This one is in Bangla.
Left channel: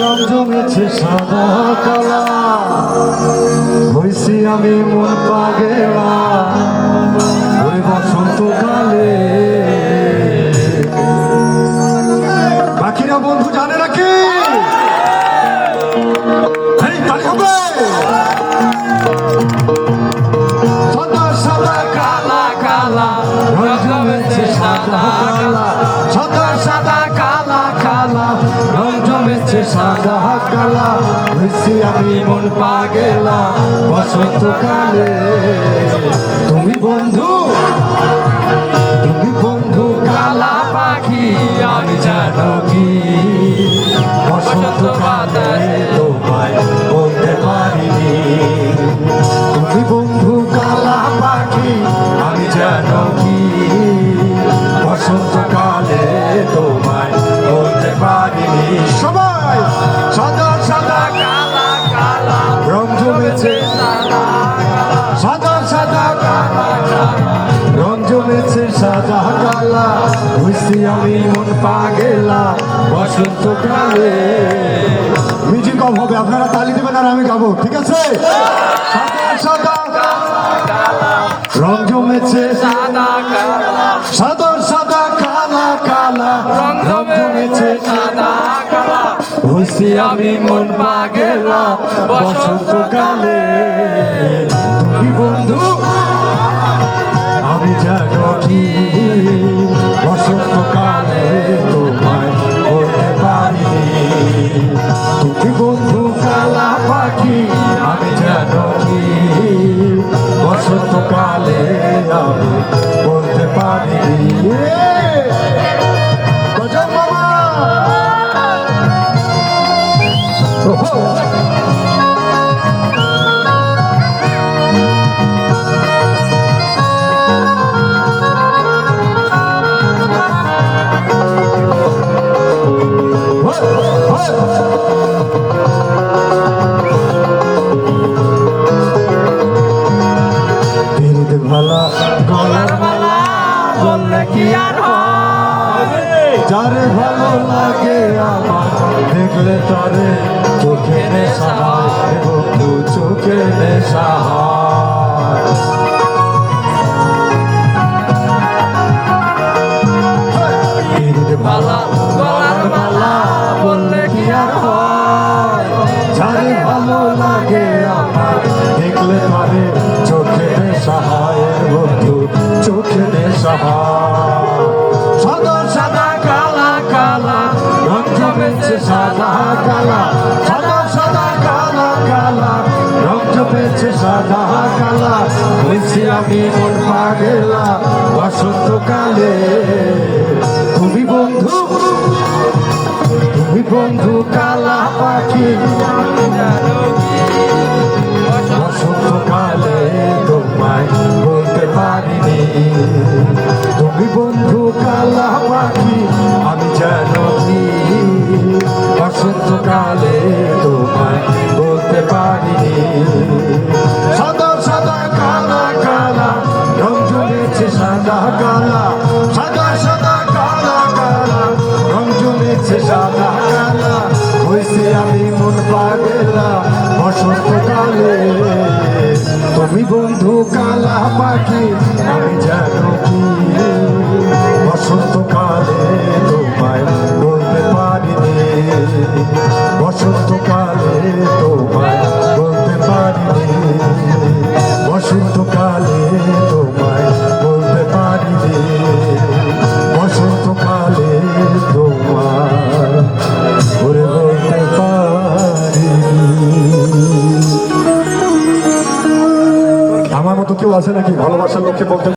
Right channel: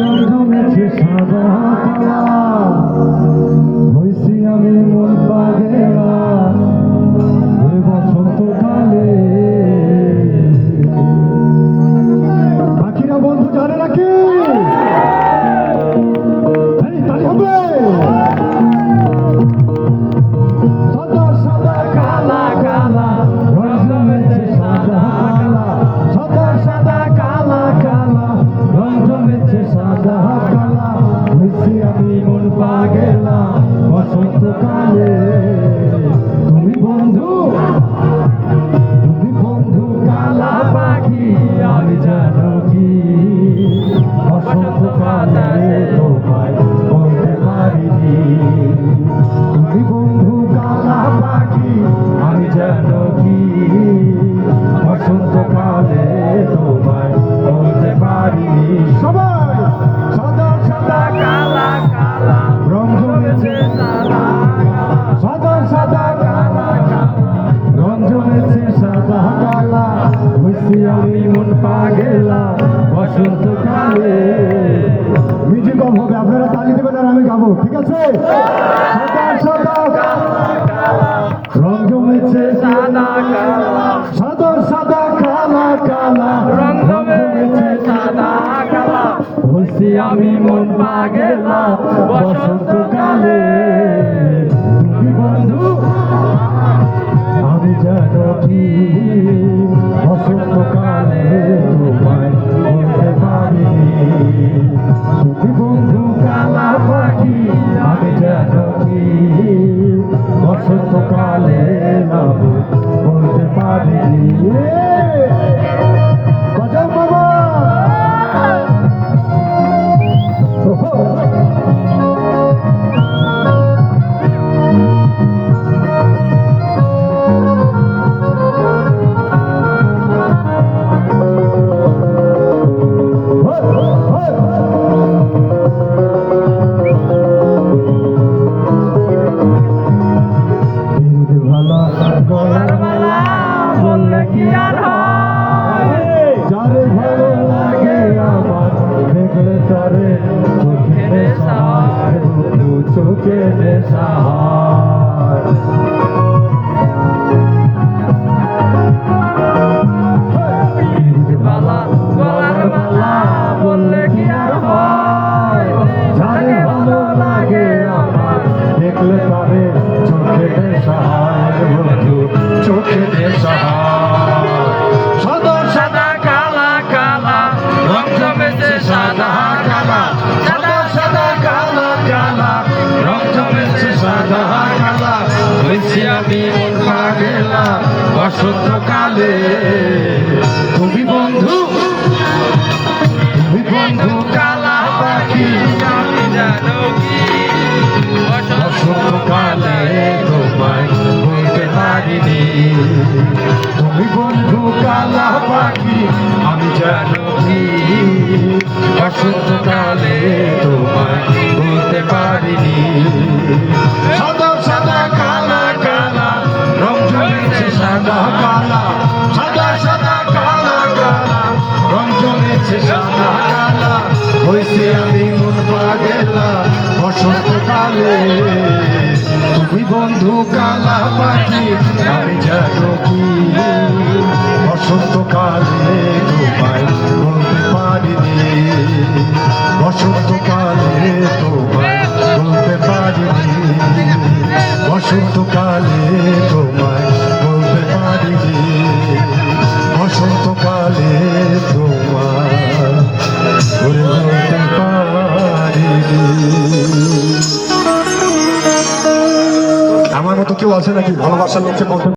রং জমেছে সাদা কালা, হইছি আমি মন পাগেলা ওই বসন্তকালে। বাকিরা বন্ধু জানে নাকি? এই তালি হবে। সাদা সাদা কালা কালা, রং জমেছে সাদা কালা, সাদা সাদা কালা কালা, রং জমেছে সাদা কালা, হইছি আমি মন পাগেলা বসন্তকালে। তুমি বন্ধু, তুমি বন্ধু কালা পাখি, আমি জানো কি বসন্তকালে তোমায় বলতে পারিনি। তুমি বন্ধু কালা পাখি, আমি জানো কি বসন্তকালে তোমায় বলতে পারিনি। সবাই সাদা সাদা কালা কালা, রং জমেছে সাদা সাদা কালা কালা, রং জমেছে সাদা কালা, হইছি আমি মন পাগেলা বসন্তকালে। মিউজিক অফ হবে, আপনারা তালি দেবেন আর আমি গাবো, ঠিক আছে? সাদা সাদা কালা, রং জমেছে সাদা কালা, সাদা সাদা কালা কালা, রং জমেছে সাদা কালা, হইছি আমি মন পাগেলা বসন্তকালে। তুমি বন্ধু, আমি জানো কি বসন্তকালে তোমায় বলতে পারিনি। তুমি বন্ধু কালা পাখি, আমি জানো কি বসন্তকালে আমি বলতে পারিনি। গজল বাবা গলার মালা বললে কি আর হয়, যারে ভালো লাগে আমার দেখলে তরে চোখে নেশা হয়, বন্ধু চোখে নেশা হয়। মালা গলার মালা বললে কি আর হয়, যারে ভালো লাগে আমার দেখলে তরে চোখে নেশা হয়, বন্ধু চোখে নেশা হয়। সাদা সাদা কালা কালা, রং জমেছে সাদা কালা, সাদা সাদা কালা কালা, রং জমেছে সাদা কালা, হইছি আমি মন পাগেলা বসন্তকালে। তুমি বন্ধু, তুমি বন্ধু কালা পাখি, আমি জানো কি বসন্তকালে তোমায় বলতে পারিনি। তুমি বন্ধু কালা পাখি, আমি জানো কি বসন্তকালে তোমায় বলতে পারিনি। সাদা সাদা কালা কালা, রং জমেছে সাদা কালা, সাদা সাদা কালা কালা, রং জমেছে সাদা কালা, হইছি আমি মন পাগেলা বসন্তকালে। তুমি বন্ধু কালা পাখি, আমি জানো কি বসন্তকালে তোমায় বলতে পারিনি। বসন্তকালে তোমায় বলতে পারিনি, বসন্তকালে তোমায় বলতে পারিনি, বসন্তকালে তোমায় বলতে পারিনি। আমার মতো কেউ আছে নাকি ভালোবাসার লোককে বলতে?